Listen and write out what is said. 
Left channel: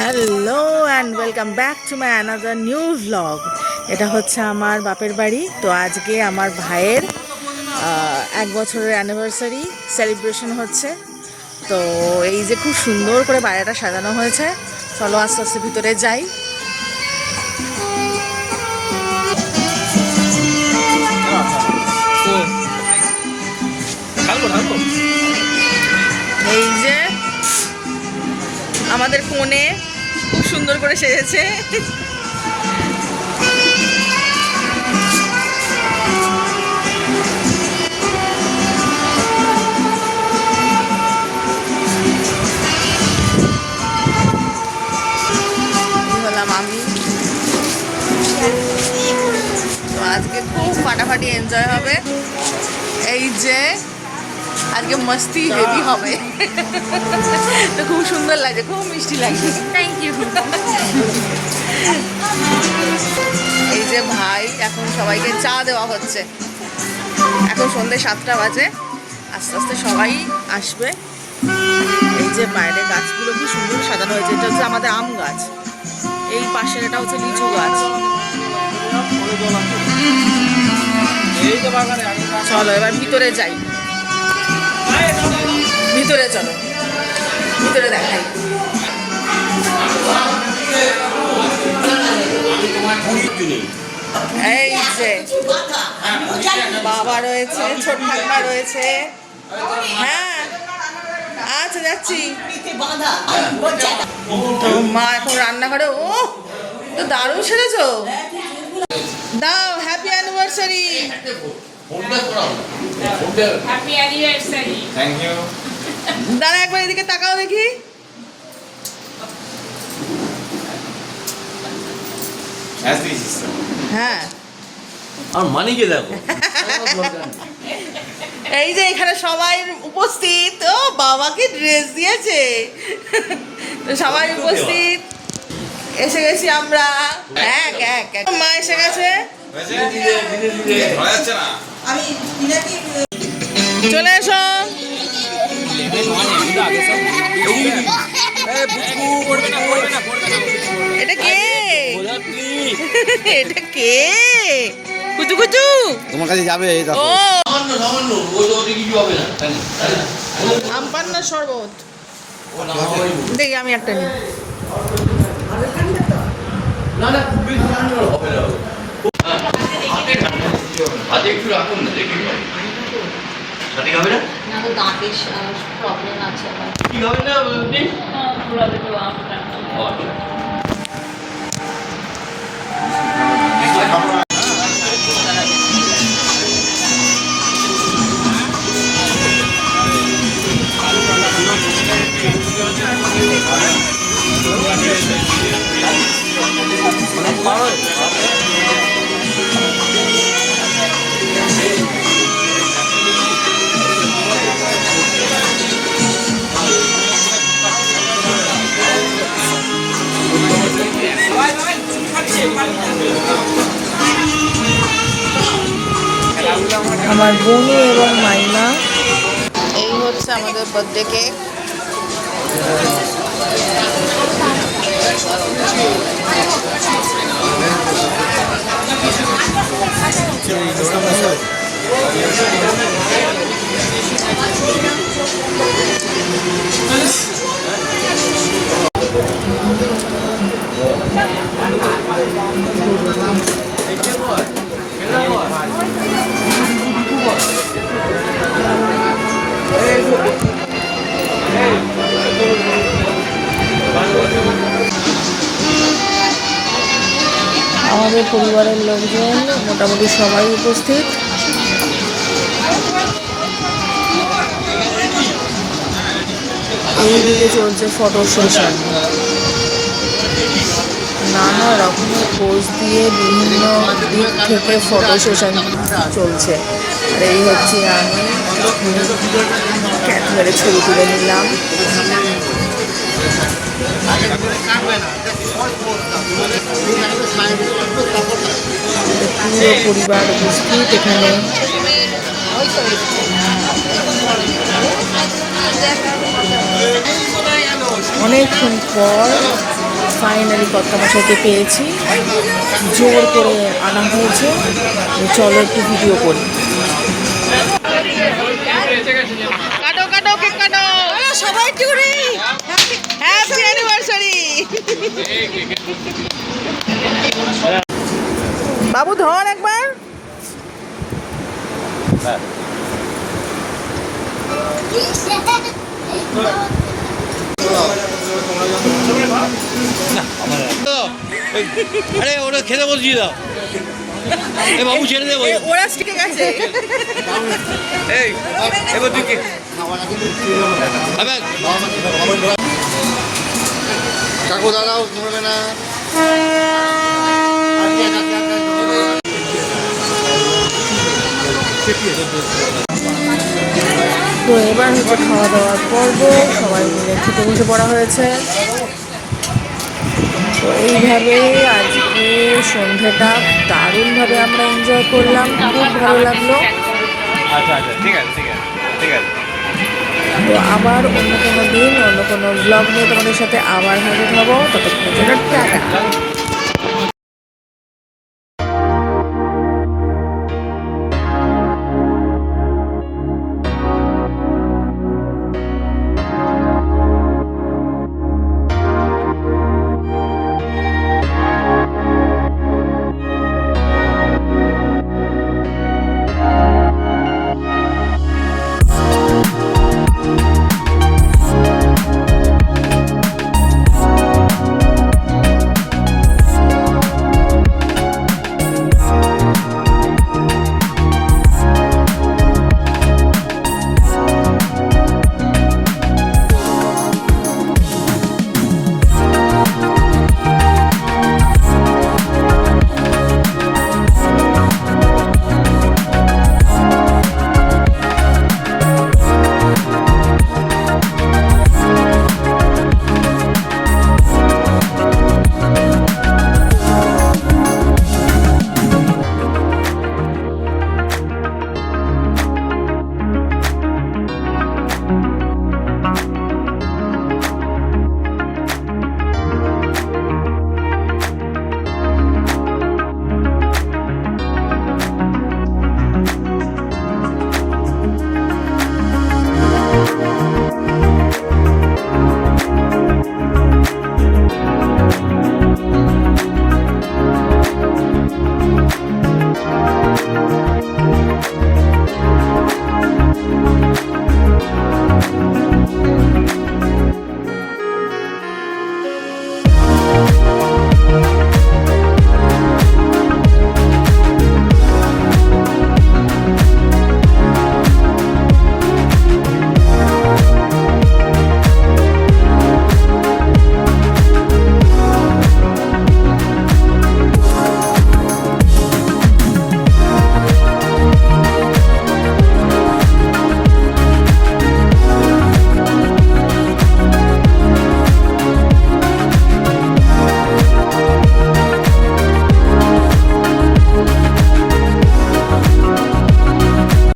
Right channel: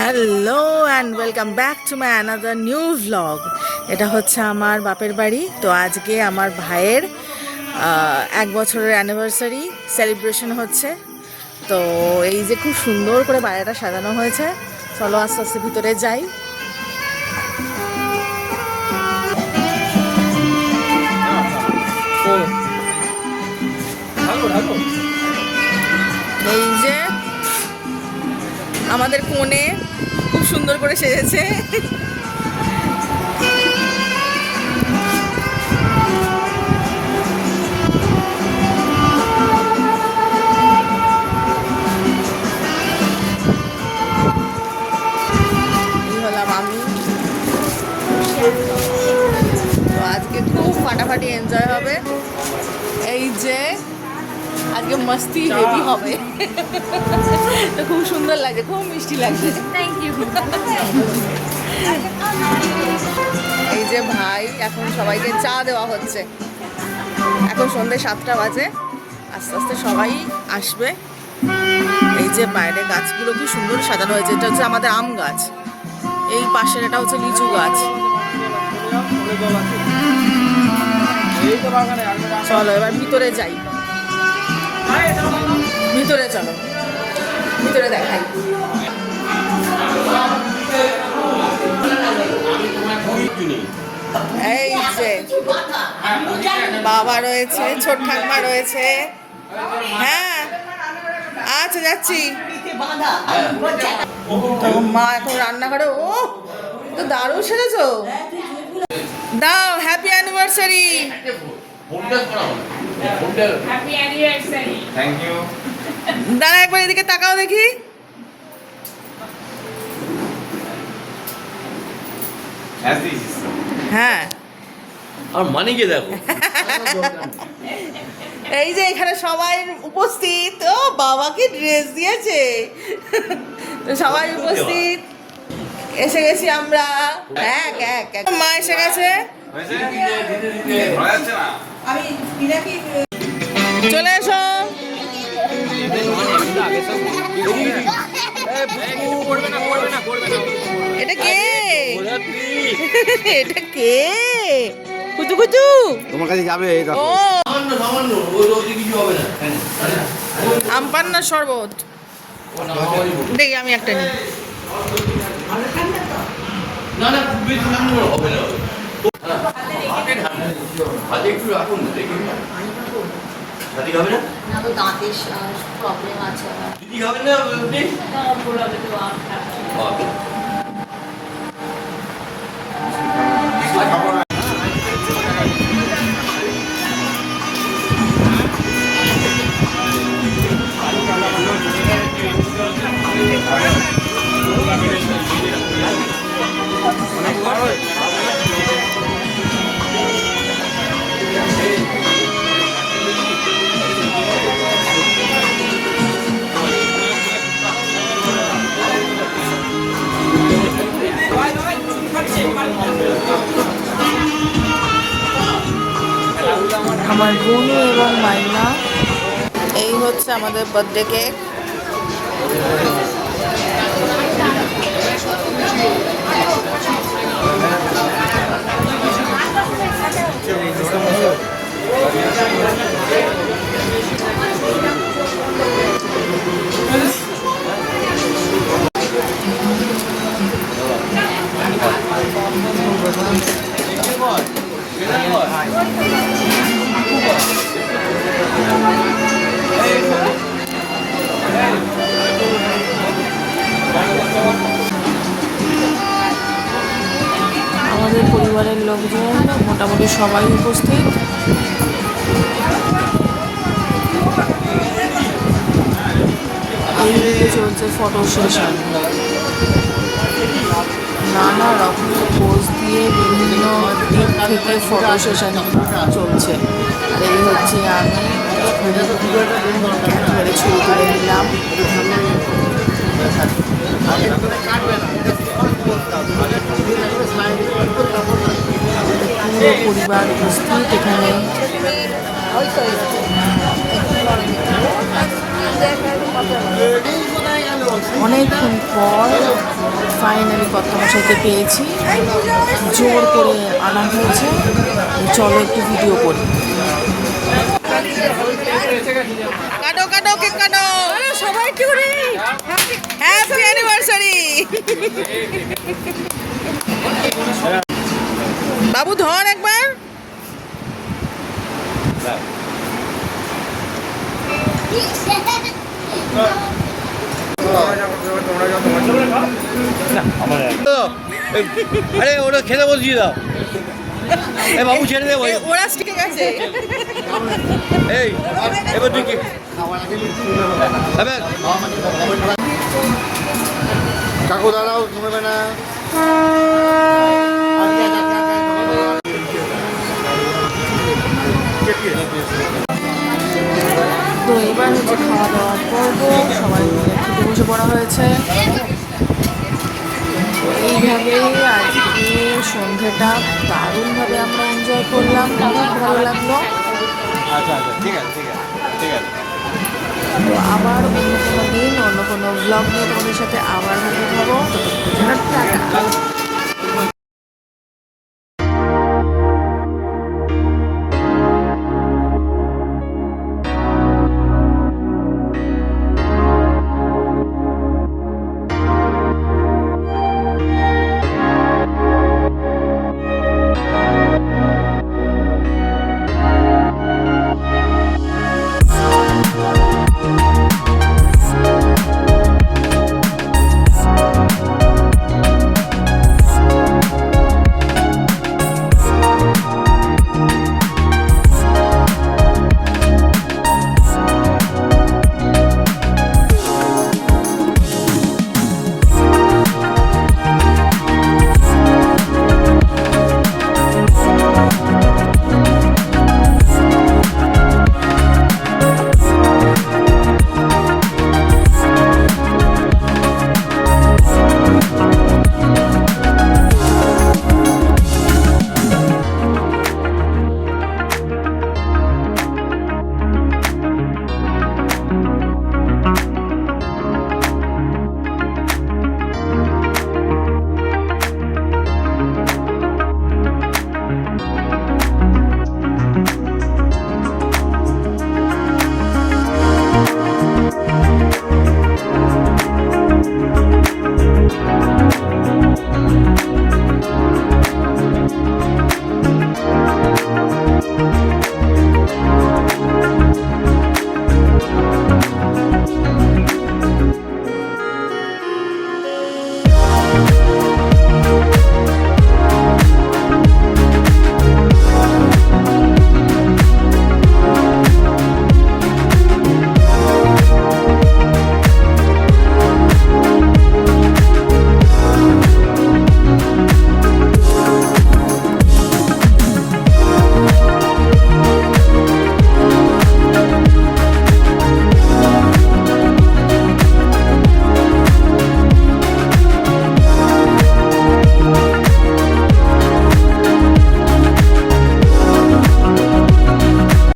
Hello and welcome back to my another new vlog. এটা হচ্ছে আমার বাপের বাড়ি। তো আজকে আমার ভাইয়ের 1 বছরের অ্যানিভার্সারি সেলিব্রেশন হচ্ছে। তো এই যে খুব সুন্দর করে বাড়িটা সাজানো হয়েছে। চলো আস্তে আস্তে ভিতরে যাই। এই যে আমাদের কোণে খুব সুন্দর করে সেজেছে। আজকে খুব ফাটাফাটি এনজয় হবে। এই যে আজকে মস্তি হেভি হবে। তো খুব সুন্দর লাগছে, খুব মিষ্টি লাগছে। Thank you. এই যে ভাই এখন সবাইকে চা দেওয়া হচ্ছে। এখন সন্ধ্যে 7টা বাজে, আস্তে আস্তে সবাই আসবে। এই যে বাইরে গাছগুলো খুব সুন্দর সাজানো হয়েছে। এটা হচ্ছে আমাদের আম গাছ, এই পাশের এটা হচ্ছে লিচু গাছ। চলো এবার ভিতরে যাই। ভিতরে চলো, ভিতরে দেখাই। এই যে বাবা রয়েছে, ছোট ঠাকুমা রয়েছে। হ্যাঁ আচ্ছা যাচ্ছি। তো মা এখন রান্নাঘরে। ও তো দারুণ সেরেছো। দাও হ্যাপি অ্যানিভার্সারি। দাঁড়া একবার এদিকে তাকাও দেখি। হ্যাঁ আর মানিকে দেখো। এই যে এখানে সবাই উপস্থিত। ও বাবাকে ড্রেস দিয়েছে। সবাই উপস্থিত, এসে গেছি আমরা। মা এসে গেছে। চলে এসো। এটা কে? এটা কে? কুচু কুচু তোমার কাছে যাবে। ও আম পান্নার শরবত। দেখি আমি একটা নিই। না না খুব বেশি ঠান্ডা হবে না। আজ একটু রাখুন না, দেখি সঠিক হবে না। না তো দাঁতের প্রবলেম আছে। কি হবে না আপনি? আমার বোনু এবং মাইনা। এই হচ্ছে আমাদের বার্থডে কেক। আমাদের পরিবারের লোকজন মোটামুটি সবাই উপস্থিত। এইদিকে চলছে ফটো সেশন। নানা রকমের পোজ দিয়ে বিভিন্ন দিক থেকে ফটো সেশন চলছে। আর এই হচ্ছে আমি ক্যামেরায় ছবি তুলে নিলাম। পুরো পরিবার উপস্থিত এখানে। অনেকক্ষণ পর ফাইনালি কর্তামশাইকে পেয়েছি, জোর করে আনা হয়েছে। চলো একটু ভিডিও করি। কাটো কাটো কেক কাটো, সবাই টুরি, হ্যাপি অ্যানিভার্সারি। বাবু ধর একবার। আরে ওটা খেতে বলছি দাও। এই বাবু ছেড়ে দেবো। ওরা ঠিক আছে। এই এবার তুই কাকু দাঁড়াও, থামবে না। তো এবার হচ্ছে খাওয়া দাওয়ার পর্ব, সবাই মিলে খেতে বসে পড়া হয়েছে। তো এইভাবে আজকে সন্ধ্যেটা দারুণভাবে আমরা এনজয় করলাম, খুব ভালো লাগলো। তো আবার অন্য কোনো দিন অন্য কোনো ব্লগ নিয়ে তোমাদের সাথে আবার হাজির হবো। ততক্ষণ টাটা।